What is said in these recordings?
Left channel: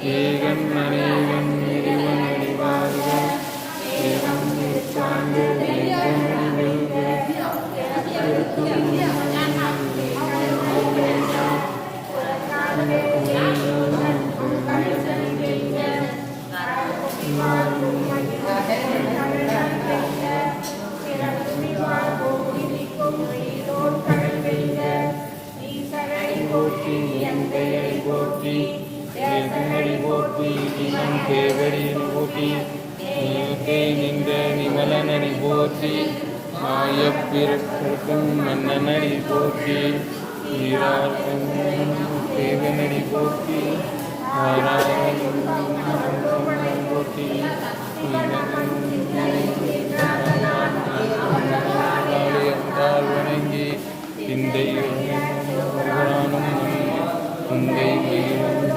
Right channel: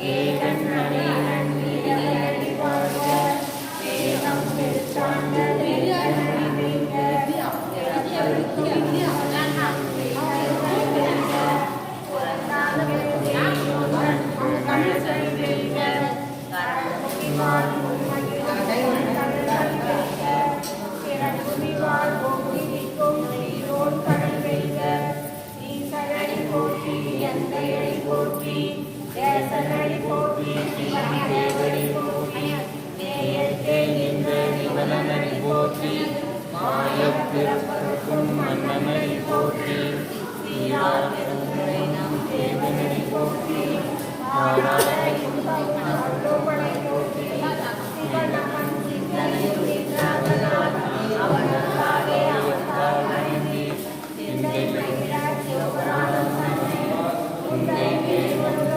이른 날이 பிறக்கும் மன்னனை போற்றி ஈராடும் தேவனடி போற்றி ஆராயும் போற்றி இந்த இந்த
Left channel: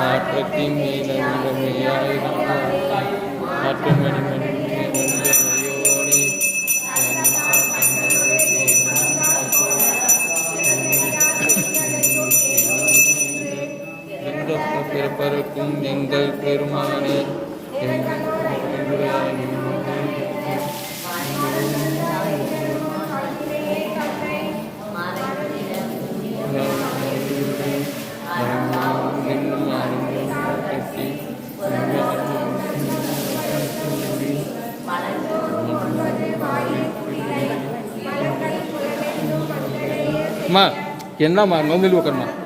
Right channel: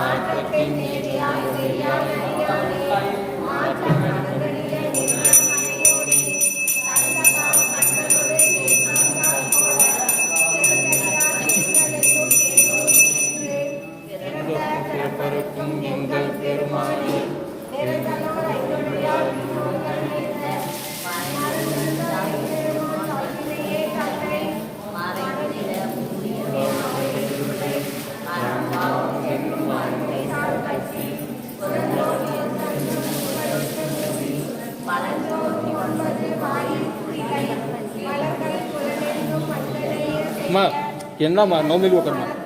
நாற்பத்தி மீது நாற்பத்தி તેમના માંગમાં ઉમેરવો કરવાનો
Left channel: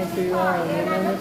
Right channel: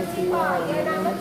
you are. Amen.